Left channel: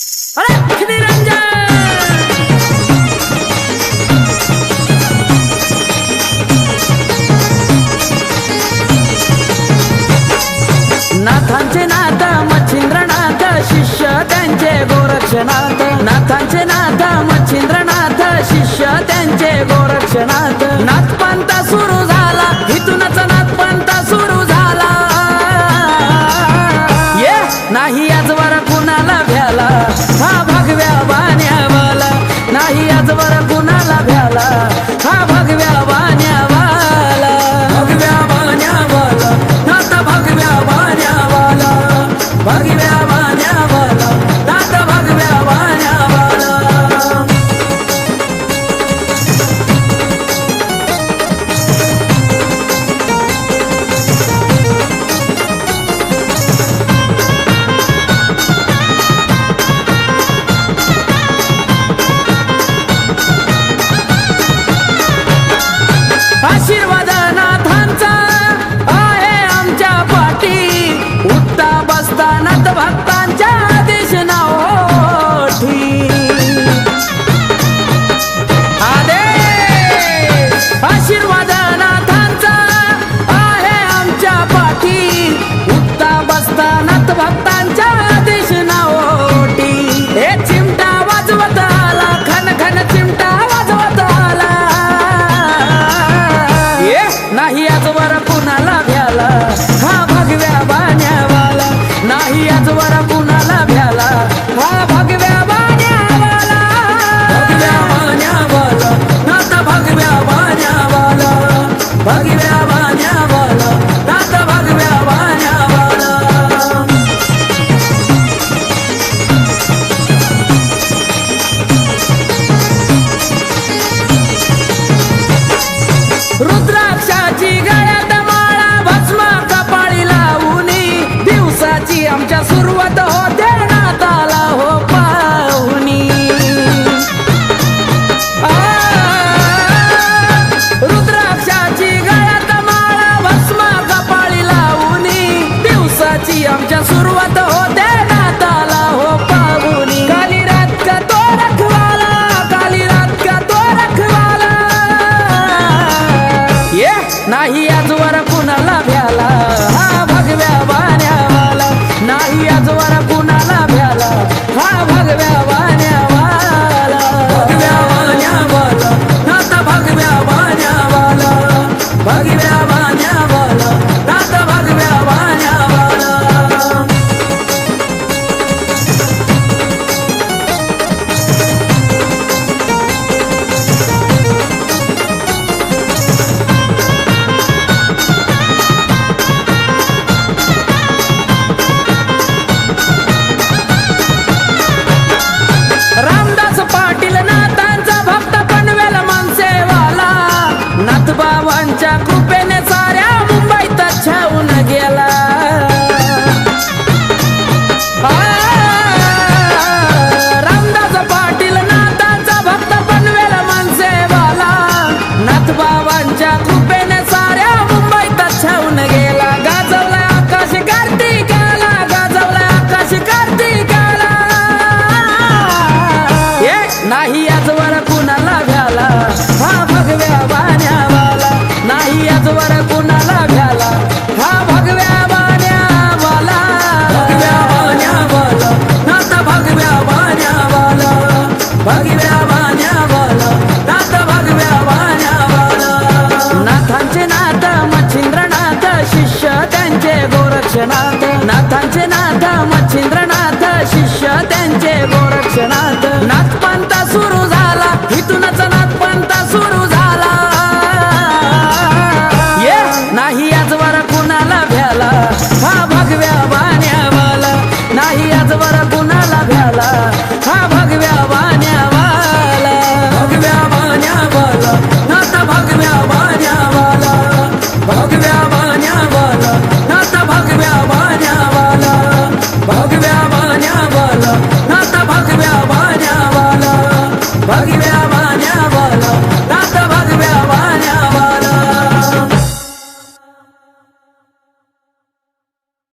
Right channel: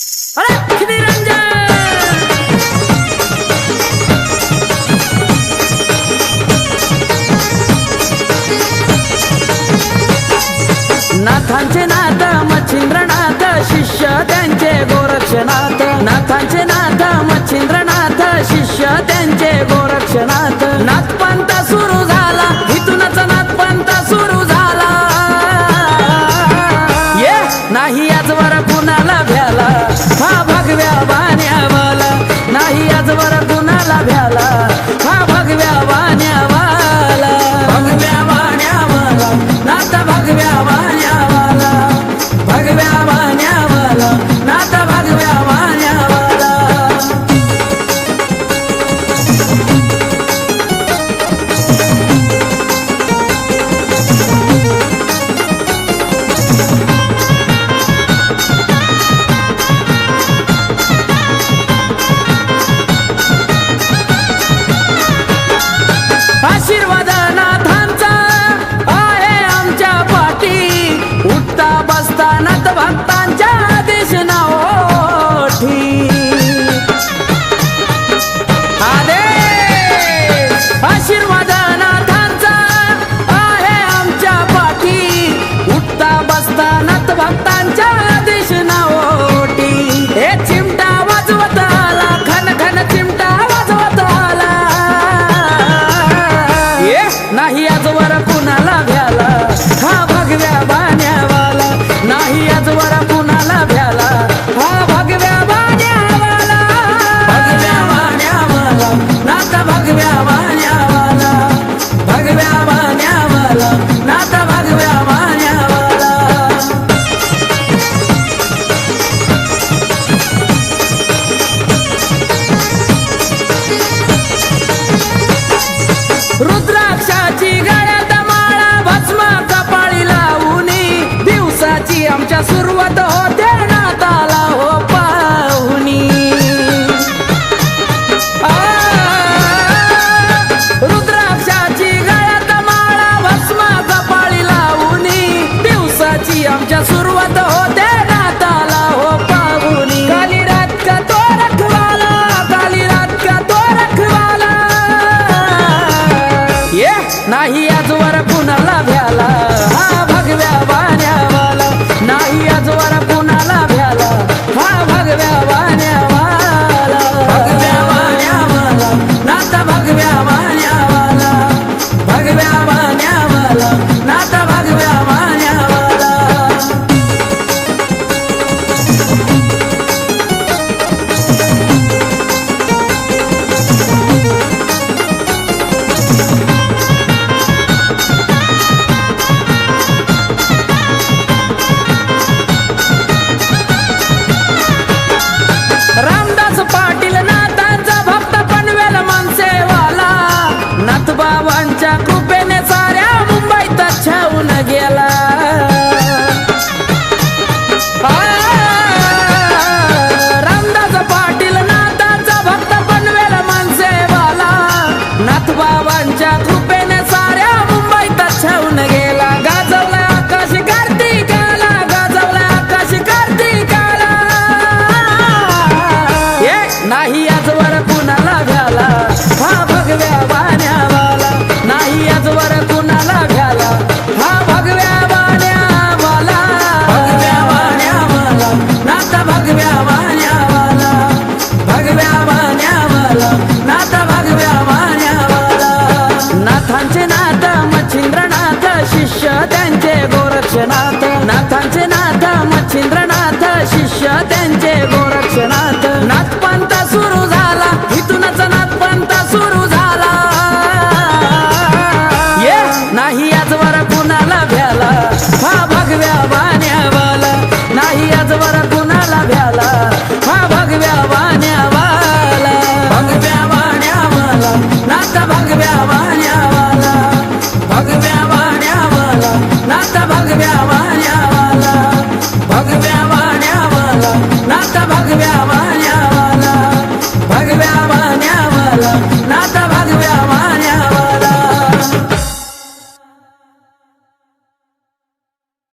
अरे निरंजन नाथांचे नाथ मच्छिंद्रनाथ शिष्य त्यांचे गोरक्षनाथ नाथांचे नाथ मच्छिंद्रनाथ शिष्य त्यांचे गोरक्षनाथ नाथपंथ सुरू झाला इथूनच नाथपंथ सुरू झाला ये नाही आजवर कुणाला भ्याला हा भगव्या बाण्यावाला नाही आजवर कुणाला भ्याला हा भगव्या बाण्यावाला भगव्या बाण्यावाला नाथ भगव्या बाण्यावाला भगव्या बाण्यावाला नाथ भगव्या बाण्यावाला आशीर्वाद नाथांचा आहे आमच्या पाठी उठता बसता नाथ भक्तांच्या आदेश नाओठी आदेश आशीर्वाद नाथांचा आहे आमच्या पाठी उठता बसता नाथ भक्तांच्या आदेश नाओठी हे चिमटा वाजवत आला खन खन चिमटा वाजवत आला नाही आजवर कुणाला भ्याला हा भगव्या बाण्यावाला नाही आजवर कुणाला भ्याला हा भगव्या बाण्यावाला भगव्या बाण्यावाला नाथ भगव्या बाण्यावाला भगव्या बाण्यावाला नाथ भगव्या बाण्यावाला रुद्राक्षाची गळ्यात माळा भस्म कपाळी लावूनी दिवसाची आमच्या सुरुवात होते नाताला हो पाहुनी रुद्राक्षाची गळ्यात माळा भस्म कपाळी लावूनी दिवसाची आमच्या सुरुवात होते नाताला हो पाहुनी काली रात का तो रखवाला काली रात का तो रखवाला ये नाही आजवर कुणाला भ्याला हा भगव्या बाण्यावाला नाही आजवर कुणाला भ्याला हा भगव्या बाण्यावाला भगव्या बाण्यावाला नाथ भगव्या बाण्यावाला भगव्या बाण्यावाला नाथ भगव्या बाण्यावाला रामदास पाटील नाथांचा भक्त पनवेल मनसेवाला नाथबाबांच्या कृपेने साऱ्या मुंबईत छावून गेला रामदास पाटील नाथांचा भक्त पनवेल मनसेवाला नाथबाबांच्या कृपेने साऱ्या मुंबईत छावून गेला गाजवला आकाश कार्तिकाला गाजवला आकाश कार्तिकाला नाही आजवर कुणाला भ्याला हा भगव्या बाण्यावाला नाही आजवर कुणाला भ्याला हा भगव्या बाण्यावाला भगव्या बाण्यावाला नाथ भगव्या बाण्यावाला भगव्या बाण्यावाला नाथ भगव्या बाण्यावाला नाथांचे नाथ मच्छिंद्रनाथ शिष्य त्यांचे गोरक्षनाथ नाथांचे नाथ मच्छिंद्रनाथ शिष्य त्यांचे गोरक्षनाथ नाथपंथ सुरू झाला इथूनच नाथपंथ सुरू झाला ये नाही आजवर कुणाला भ्याला हा भगव्या बाण्यावाला नाही आजवर कुणाला भ्याला